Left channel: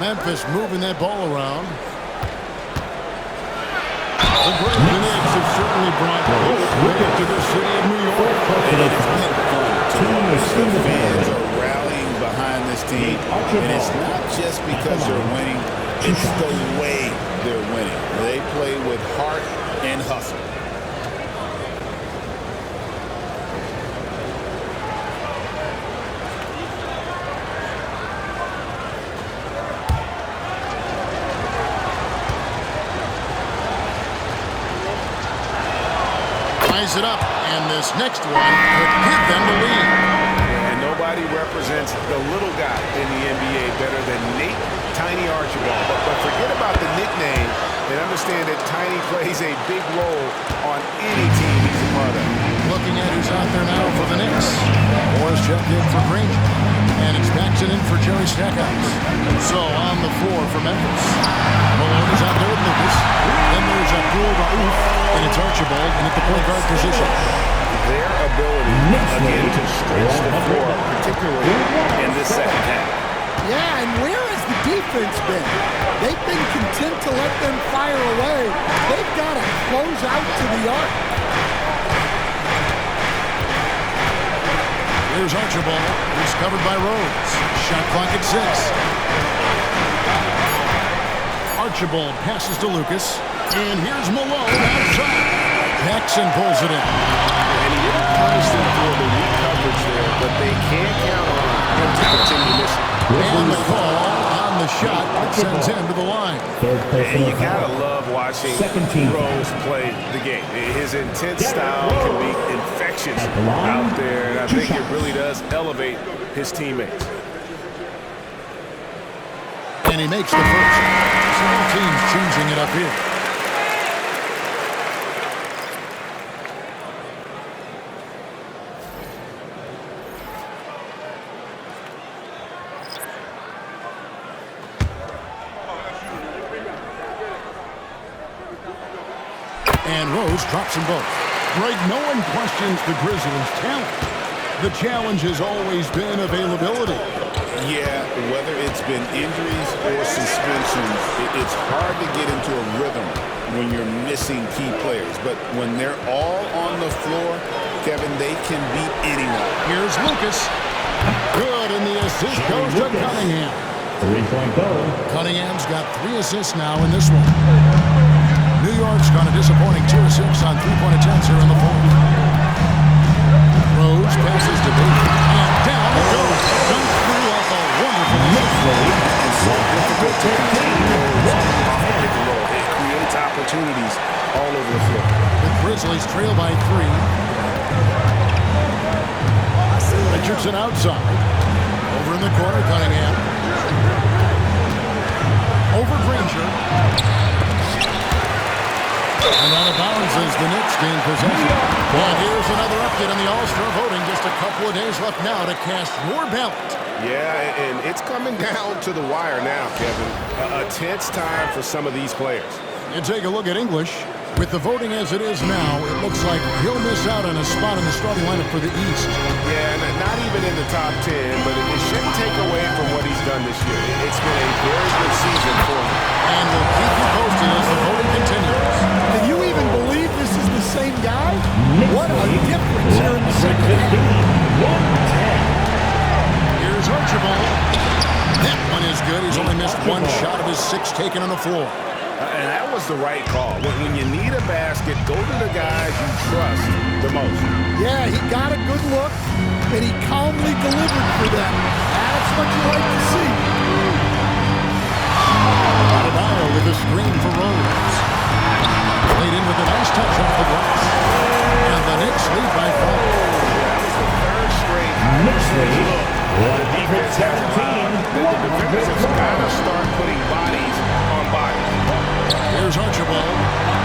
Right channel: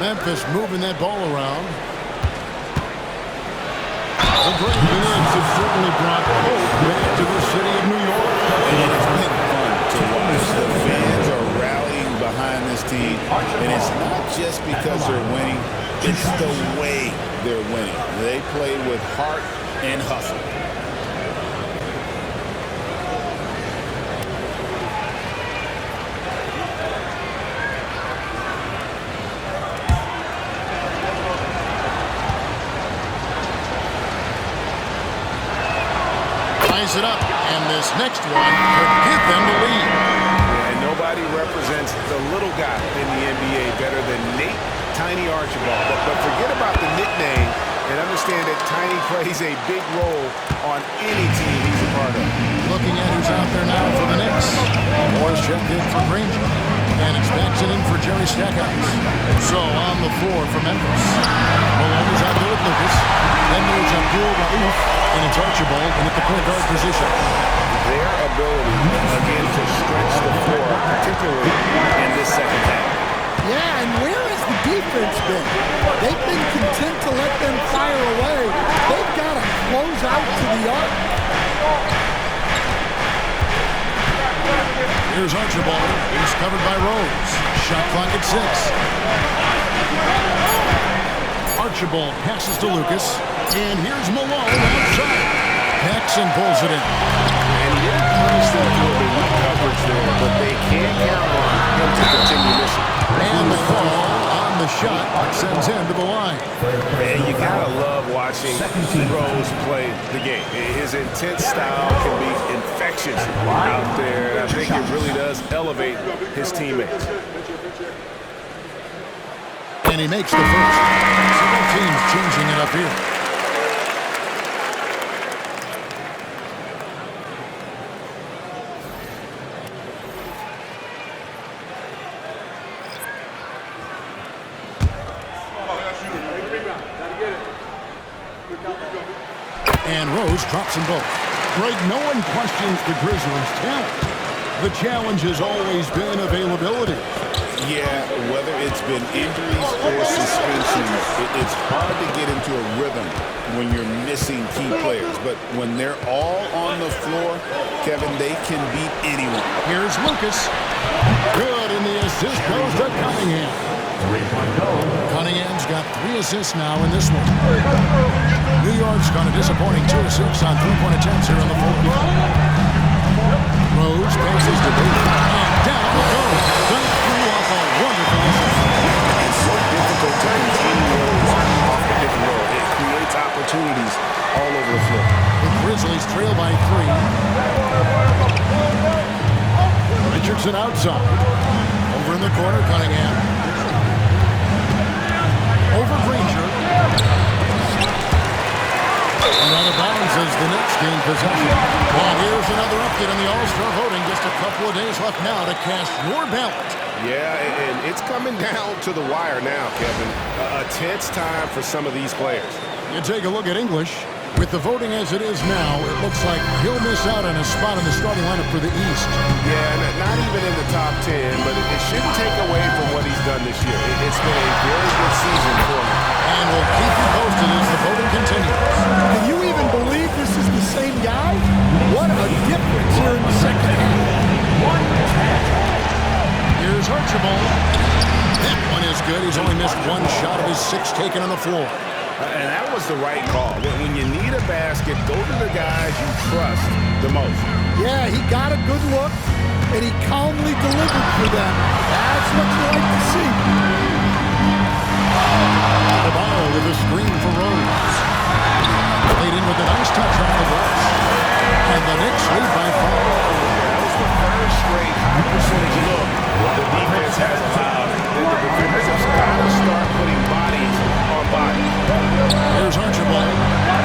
Memphis moving that ball around. The great Knicks have certainly brought hope back to the city of New York. And it has been fun to watch. The fans are rallying behind this team. And it's not just because they're winning. It's the way they're winning. They play with heart and hustle. It up, and this next one could give them the lead. Yeah, and nobody represents the little guy in the NBA better than Nate Tiny Archibald. But forget about the nickname and understand that Tiny plays a big role on any team he's a part of. Looking at who's out there now for the Knicks. Morris checked in for Granger, and it's Paxson in for Jerry Stackhouse. So on the floor for Memphis. Malone is out there with Lucas. Then there's Abdul Rauf, and it's Archibald in at the point guard position. Their ability, again, to stretch the floor, particularly in this second half. Yeah, and where has the defense been? They've been content to let them fire away. They've got to close out to the arc. Here's Archibald. He's covered by Rose. Shot clock at 6. Archibald passes to Lucas. And here's Malone outside. Paxson pulls it in. And he didn't punish them for the weak coverage there, but they can't count on him to continue missing. And the call on the shot that sends him to the line. And you gotta love watching Rose play the game. His intense style can be infectious out there, and I think it really does elevate his teammates. And he makes the first. So both teams changing it up here. And Rose drops them both. Greg, no one questions the Grizzlies' talent. The challenge has always been availability. Yeah, whether it's been injuries or suspensions, it's hard to get into a rhythm when you're missing key players. But when they're all on the floor, Kevin, they can beat anyone. Here's Lucas. Good, and the assist goes to Cunningham. Three-point goal. Cunningham's got 3 assists now in this one. New York's gone a disappointing 2 of 6 on three-point attempts here in the fourth. Rose passes to Baker, and down it goes. Dunked through off a wonderful assist. It's so difficult to contain Rose off the pick and roll. It creates opportunities all over the floor. The Grizzlies trail by 3. Richardson outside. Over in the corner, Cunningham. Over Granger. And out of bounds as the Knicks gain possession. And here's another update on the All-Star voting. Just a couple of days left now to cast your ballot. Yeah, and it's coming down to the wire now, Kevin. A tense time for some of these players. You take a look at English. With the voting as it is now, it looks like he'll miss out on a spot in the starting lineup for the East. Yeah, not even in the top 10, but it shouldn't take away from what he's done this year. It's been a very good season for him. And we'll keep you posted as the voting continues. Can you even believe this is the same guy? What a difference here in the second half. Here's Archibald. That one is good. He's only missed 1 shot of his 6 taken on the floor. And that was the right call. When you need a basket, go to the guys you trust the most. Yeah, he got a good look, and he calmly delivered for them. That's what you like to see. Adebayo with a screen for Rose. Played in with a nice touch off the glass. And the Knicks lead by 5. Yeah, that was the 3rd straight high percentage look the defense has allowed. The defenders have got to start putting bodies on bodies. Here's Archibald.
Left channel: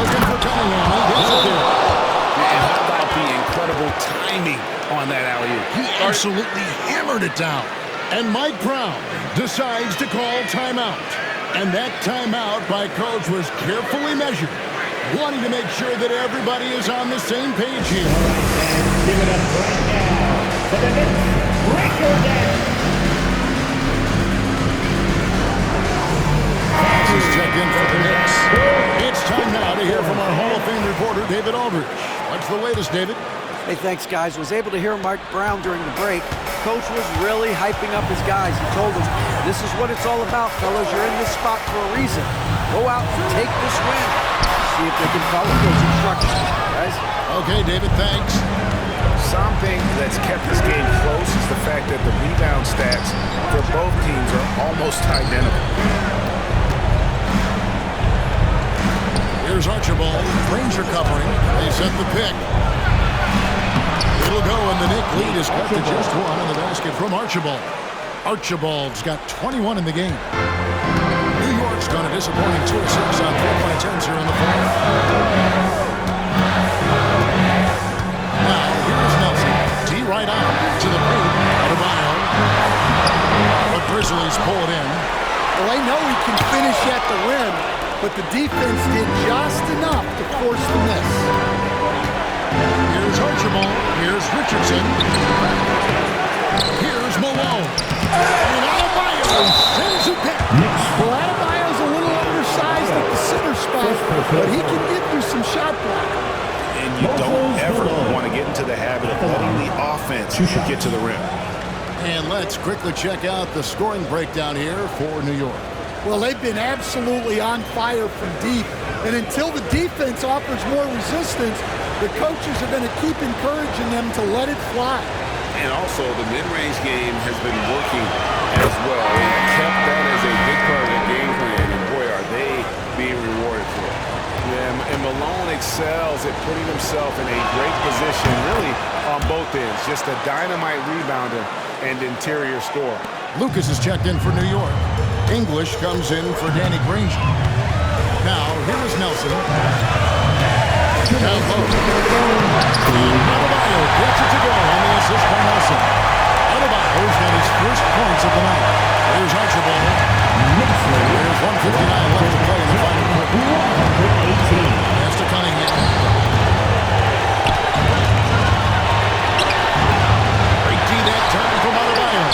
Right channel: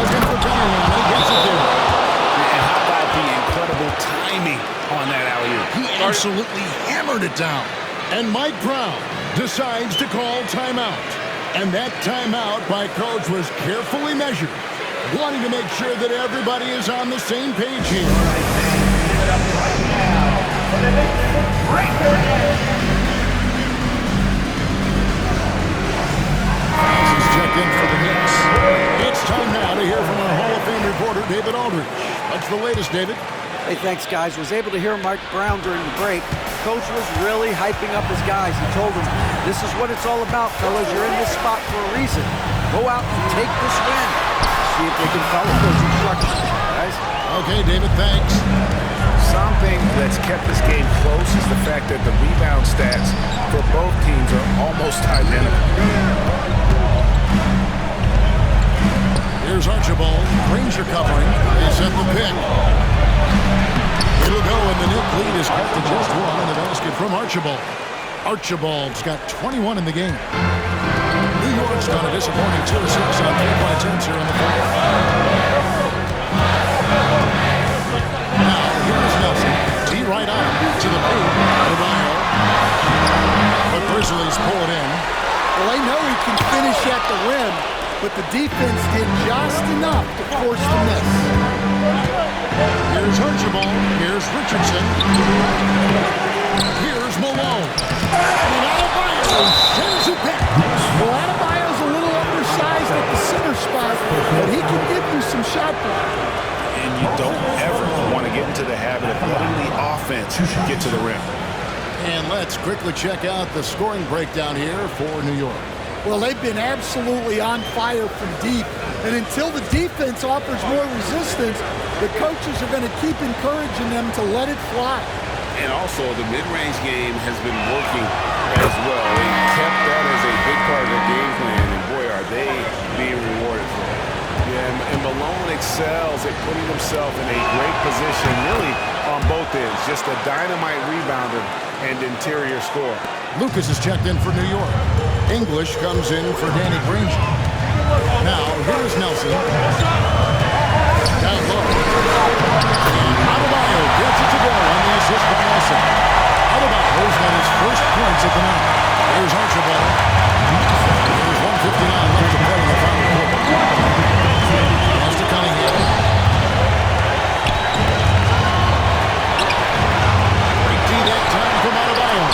Looking for Cunningham, and he gets it there. And how about the incredible timing on that alley-oop? He absolutely hammered it down. And Mike Brown decides to call timeout. And that timeout by Coach was carefully measured, wanting to make sure that everybody is on the same page here. Give it up right now for the Knicks. Break your neck. Files is checked in for the Knicks. It's time now to hear from our Hall of Fame reporter, David Aldridge. What's the latest, David? Hey, thanks, guys. Was able to hear Mike Brown during the break. Coach was really hyping up his guys. He told them, this is what it's all about, fellas. You're in this spot for a reason. Go out and take this win. See if they can follow those instructions, guys. Okay, David, thanks. Something that's kept this game close is the fact that the rebound stats for both teams are almost identical. Here's Archibald. Granger covering. They set the pick. It'll go, and the Knick lead is cut to just one on the basket from Archibald. Archibald's got 21 in the game. New York's done a disappointing 2 of 6 on 3-point attempts here on the floor. Now, here's Nelson. T right out to the paint. Adebayo. The Grizzlies pull it in. Well, they know he can finish at the rim, but the defense did just enough to force the miss. Here's Archibald. Here's Richardson. Here's Malone. And Adebayo sends it back. Well, Adebayo's a little undersized at the center spot, but he can give you some shot blocking. And you don't ever want to get into the habit of letting the offense get to the rim. And let's quickly check out the scoring breakdown here for New York. Well, they've been absolutely on fire from deep, and until the defense offers more resistance, the coaches are going to keep encouraging them to let it fly. And also, the mid-range game has been working as well. They kept that as a big part of their game plan, and boy, are they being rewarded for it. Yeah, and Malone excels at putting himself in a great position, really on both ends. Just a dynamite rebounder and interior scorer. Lucas is checked in for New York. English comes in for Danny Granger. Now, here is Nelson. Down low. And Adebayo gets it to go on the assist by Nelson. Adebayo's got his first points of the night. Here's Archibald. There's 1:59 left to play in the final quarter. Pass to Cunningham. Great D that time from Adebayo.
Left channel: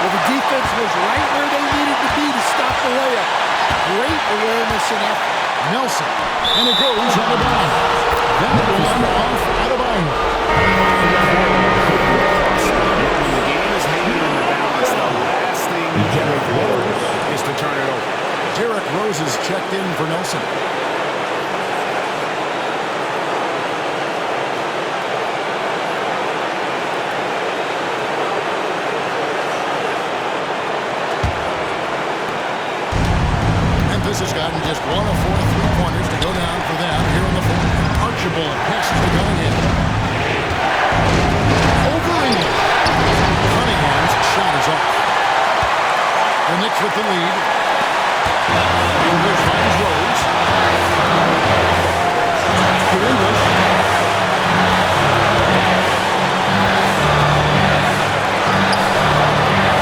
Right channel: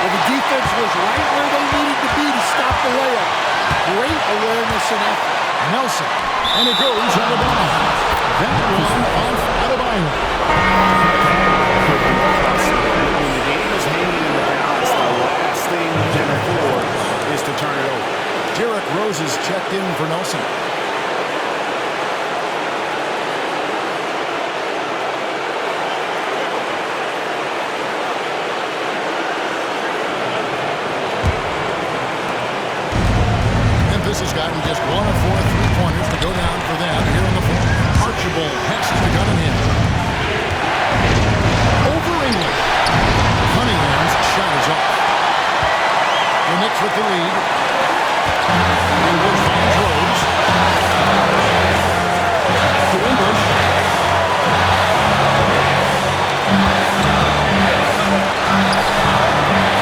Well, the defense was right where they needed to be to stop the layup. Great awareness and effort. Nelson. And it goes on the down. That one off Adebayo. When the game is hanging in the balance, the last thing you can afford is to turn it over. Derrick Rose is checked in for Nelson. Memphis has gotten just 1 of 4 3-pointers to go down for them here on the floor. Archibald passes to Cunningham. Over English. Cunningham's shot is off. The Knicks with the lead. English finds Rose. To English.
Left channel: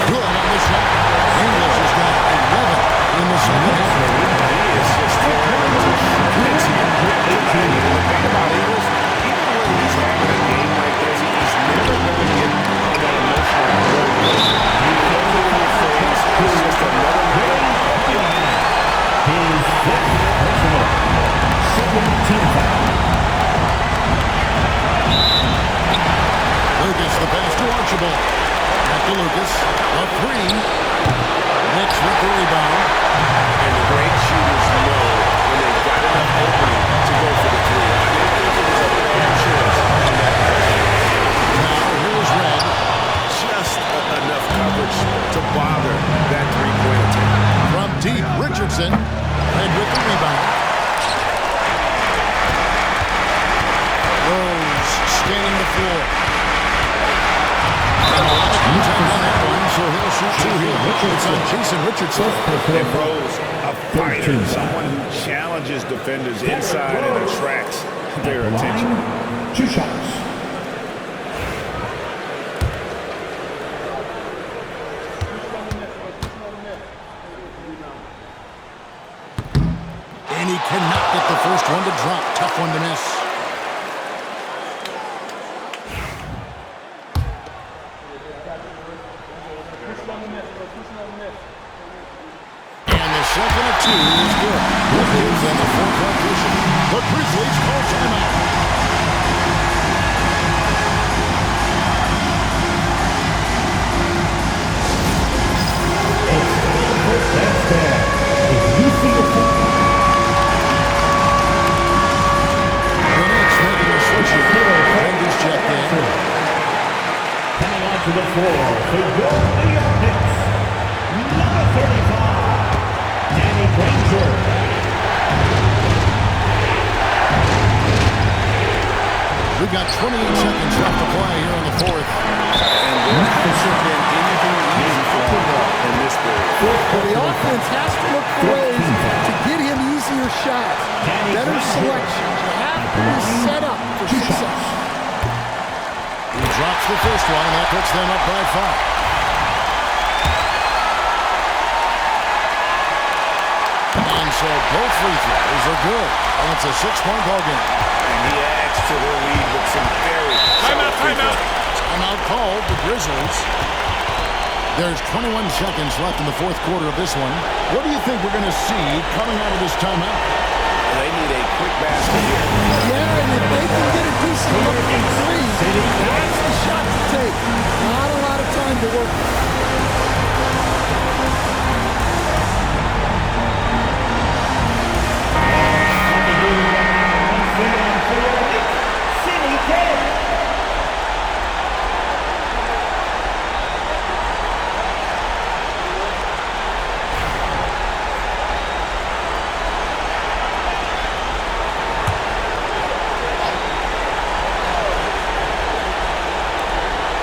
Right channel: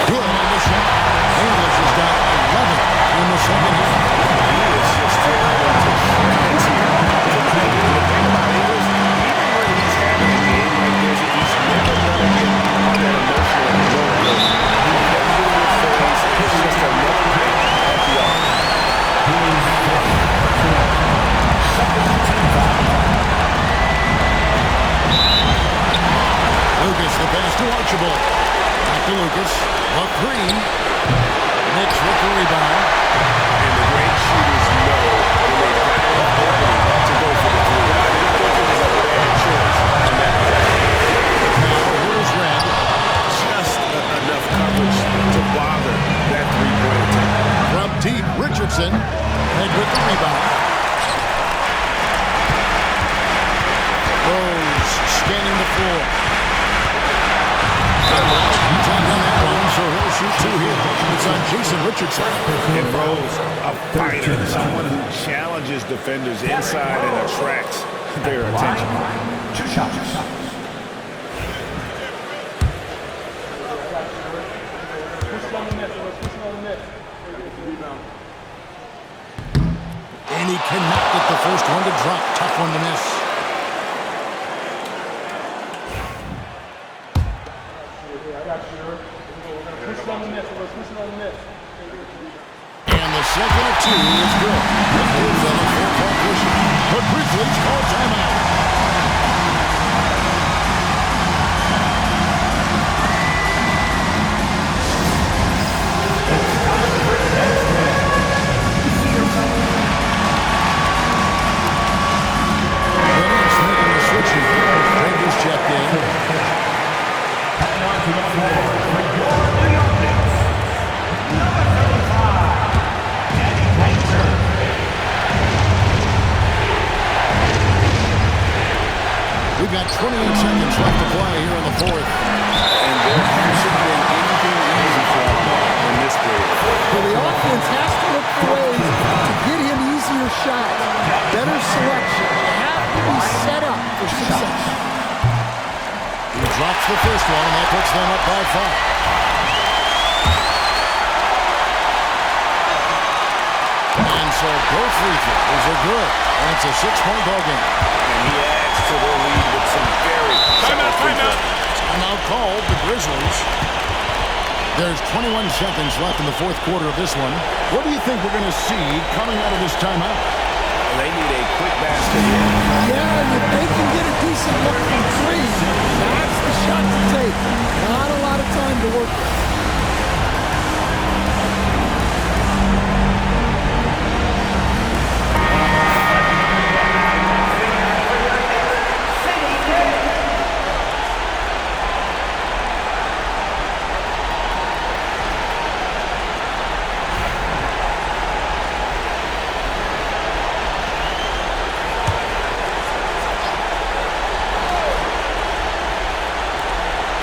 Good on the shot. English has got 11 in the second half. He is just tearing them to shreds here tonight. And the thing about English, even when he's having a game like this, he's never going to get on that emotional roller coaster. He never get in your face. It's just another night at the office. He's personal. Second team foul. Lucas, the pass to Archibald. Back to Lucas. The 3. Knicks with the rebound. And the great shooters know when they've got enough opening to go for the 3. I didn't think it was a bad choice on that possession. Now, here is Red. Just enough coverage to bother that 3-point attempt. From deep, Richardson. Red with the rebound. Rose scanning the floor. And a lot of contact on that one, so he'll shoot 2 here. It's on Jason Richardson. And Rose, a fighter, someone who challenges defenders inside and attracts their attention. Line, 2 shots. And he cannot get the first one to drop. Tough one to miss. And the second of 2 is good. This gives them a 4-point cushion. The Grizzlies call timeout. Rangers checked in. Coming onto the floor for your New York Knicks, number 35, Danny Granger. We've got 28 seconds left to play here in the fourth. And there hasn't been anything easy for him in this period. Well, the offense has to look for ways to get him easier shots, better selections. You have to be set up for success. He drops the first one, and that puts them up by 5. And so both free throws are good, and it's a 6-point ball game. And he adds to their lead with some very solid free throws. Timeout called, the Grizzlies. There's 21 seconds left in the fourth quarter of this one. What do you think we're going to see coming out of this timeout? They need a quick basket here. Yeah, and if they can get a decent look from 3, that's the shot to take. Not a lot of time to work with.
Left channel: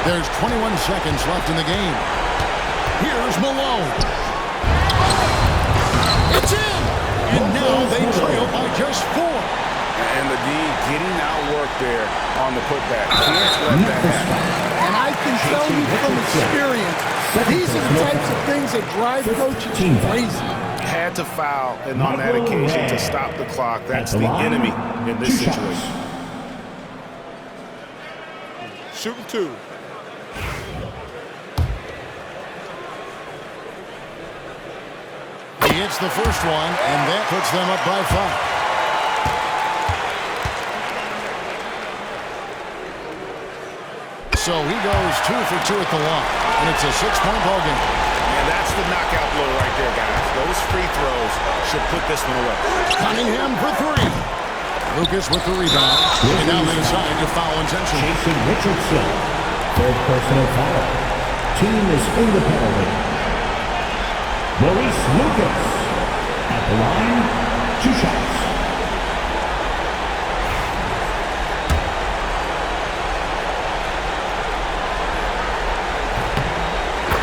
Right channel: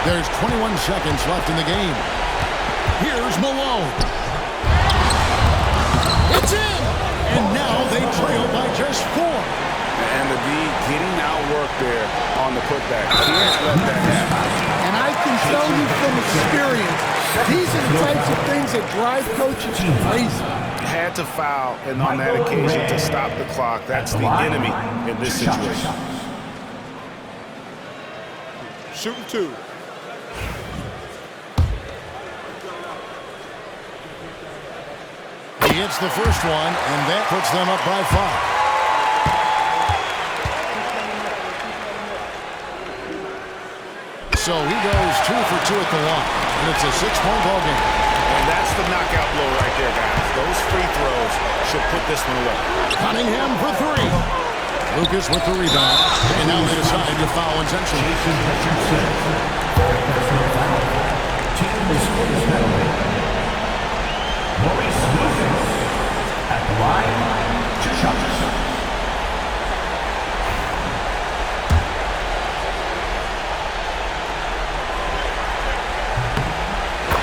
There's 21 seconds left in the game. Here's Malone. It's in! And now they trail by just 4. And the D getting outworked there on the putback. Can't let that happen. And I can tell you from experience, these are the types of things that drive coaches crazy. Had to foul, and on that occasion to stop the clock. That's the enemy in this situation. Shooting 2. He hits the first one, and that puts them up by 5. So he goes 2 for 2 at the line, and it's a 6-point ball game. And that's the knockout blow right there, guys. Those free throws should put this one away. Cunningham for 3. Lucas with the rebound, and now they decide to foul intentionally. Jason Richardson, third personal foul. Team is in the penalty. Maurice Lucas at the line, 2 shots.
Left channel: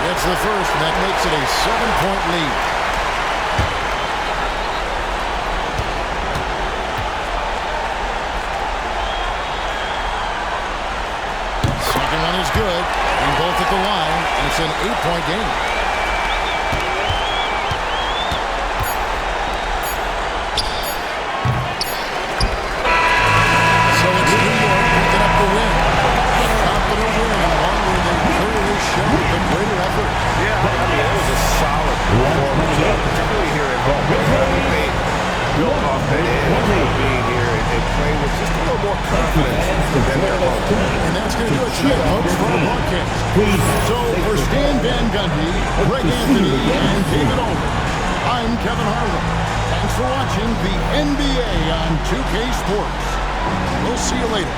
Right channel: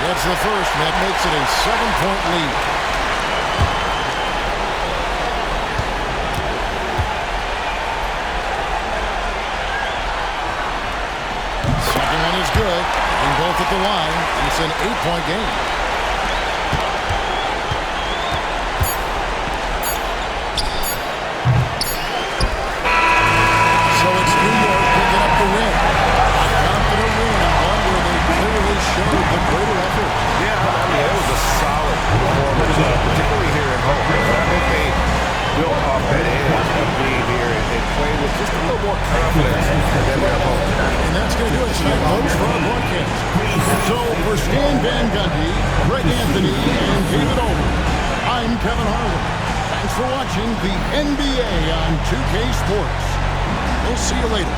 That's the first, and that makes it a 7-point lead. Second one is good, and both at the line, and it's an 8-point game. Up the win. A confident win, and one where they clearly showed the greater effort. Yeah, I mean, it was a solid performance, particularly here at home. I think they built off that edge of being here and playing with just a little more confidence than their opponent. And that's going to do it tonight, folks, for our broadcast. So for Stan Van Gundy, Greg Anthony, and David Olden, I'm Kevin Harlan. Thanks for watching the NBA on 2K Sports. We'll see you later.